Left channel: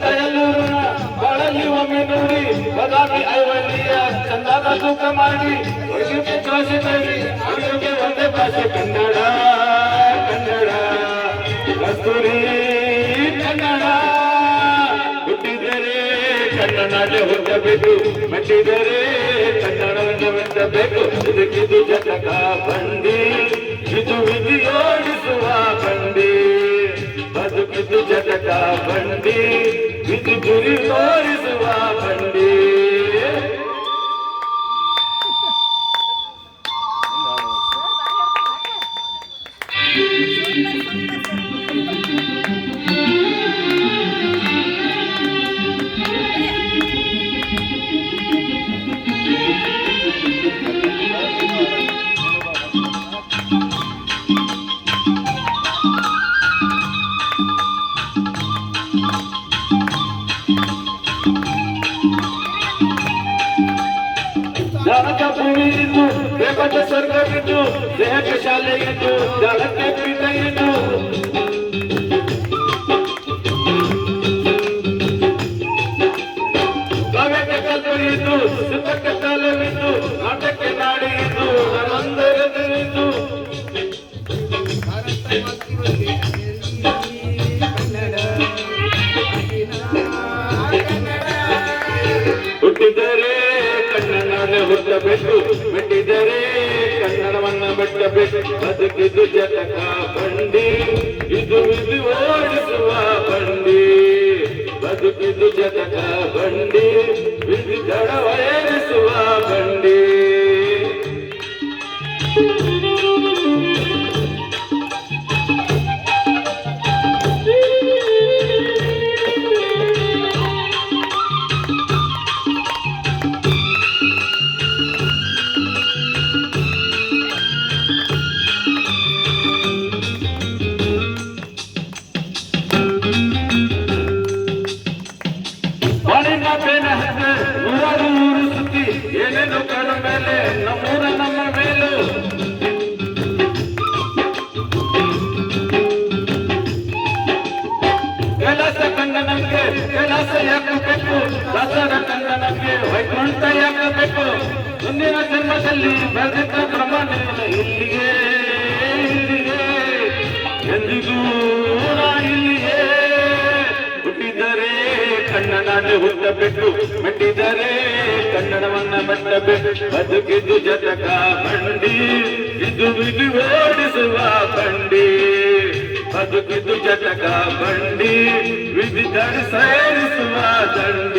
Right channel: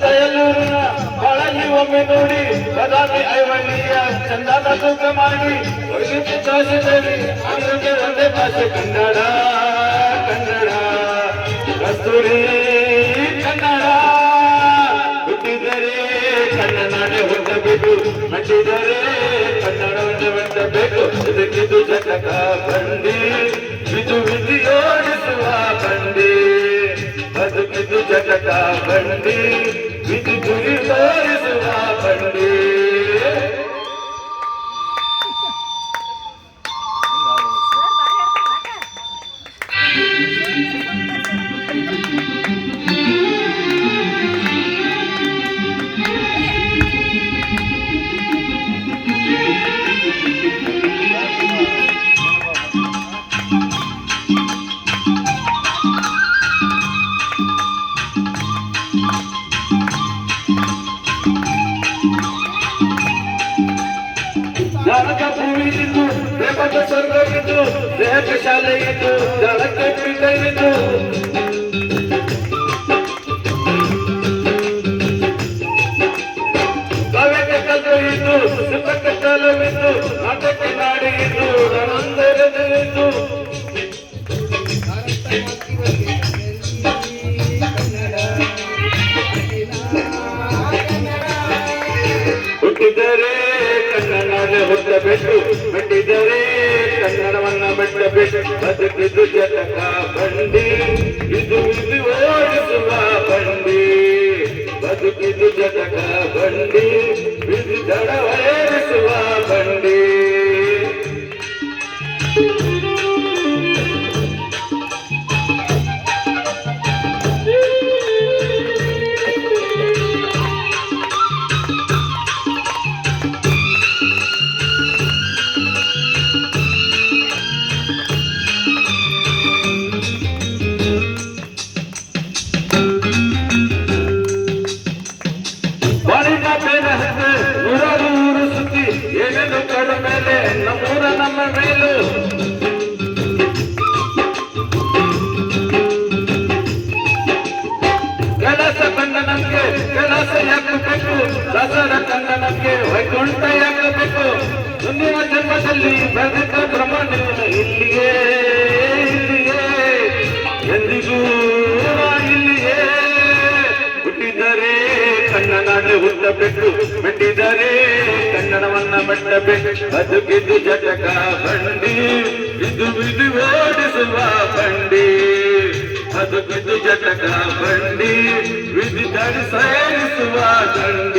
ಕೈಯಲ್ಲೂರಿನ ಕೊಳಲಿ ಒಮ್ಮೆ ನೋಡಿ ಬದಾಮಿ ಐವಳ್ಳಿಯ ಚಂದನ ತೂಕ ಮಾಡಿ ತೋರಿಸಿದ್ದೇವೆ ಅದಕ್ಕೆ ಒಂದೇ ಭಾಷೆ ಕನ್ನಡ ಕನ್ನಡ ಕಸ್ತೂರಿ ಕನ್ನಡ ಹುಟ್ಟಿದರೆ ಕನ್ನಡ ಹುಟ್ಟಬೇಕು ಮೆಟ್ಟಿದರೆ ಕನ್ನಡವನ್ನು ಮೆಟ್ಟಬೇಕು ಇದಕ್ಕಿದು ಜಗಕ ಬಂಡಿ ಇದು ವಿಧಿಯೋಡಿಸುವ ಬಂಡಿ ಬದುಕಿದು ಜಗಕ ಬಂಡಿ ವಿಧಿ ಗುರಿ ತೋರಿಸುವ ಬಂಡಿ. ಜಾನಕ ಭೂಮಿ ಇದ್ದು ದೇವದ ಸ್ವರ್ಗ ಇದ್ದು ದೇಹಕ್ಕೆ ಶಾಲೆ ಇದ್ದು ಜಲಕ್ಕೆ ಕ್ರೀಡೆ ಇದ್ದು ಕಾವ್ಯಕ್ಕೆ ಕಲ್ಲು ಇದ್ದು ಸುಖಕ್ಕೆ ಕಾಲವಿದ್ದು ನಾಟಕ್ಕೆ ನಾಡಿ ಇದ್ದು ನನ್ನೊಂದರದಿದ್ದು ಹುಟ್ಟಿದರೆ ಕನ್ನಡ ಹುಟ್ಟಬೇಕು ಮೆಟ್ಟಿದರೆ ಕನ್ನಡವನ್ನ ಮೆಟ್ಟಬೇಕು ಬದುಕಿದು ಜತಕ ಬಂಡಿ ಇದು ವಿಧಿ ಓಡಿಸುವ ಬಂಡಿ ಬದುಕಿದು ಜತಕ ಬಂಡಿ ವಿಧಿ ದಡವರೇರಿಸುವ ಬಂಡಿ. ನೂರಾರು ಊರು ಸುತ್ತಿ ಏನೇನು ಕಡ ಮೇಲೆ ನಮ್ಮೂರ ನಮ್ಮ ಮೇಲೂ ಕೆಲಸ ಕನ್ನಡಕ್ಕೆ ಕೆಲಸ ಯಾಕಬೇಕು ದಸರ ಕನ್ನಡಕ್ಕೆ ವೈಕುಂಠ ಯಾಕಬೇಕು ಮುಂದಿನ ಜನ್ಮದಲ್ಲಿ ಬೆಳೆದ ಪ್ರಮಾಣ ಇಲ್ಲಿಯೇ ಇಲ್ಲಿಯೇ ಎಂದಿಗೂ ಇಲ್ಲಿಯೇ ಹುಟ್ಟಿದರೆ ಕನ್ನಡ ಹುಟ್ಟಬೇಕು ಮೆಟ್ಟಿದರೆ ಕನ್ನಡವನ್ನ ಮೆಟ್ಟಬೇಕು ಬದುಕಿದು ಜಟಕ ಬಂಡಿ ಇದು ವಿಧಿ ಓಡಿಸುವ ಬಂಡಿ ಬದುಕಿದು ಜಟಕ ಬಂಡಿ ವಿಧಿ ಸೇರಿಸುವ ದಂಡಿ.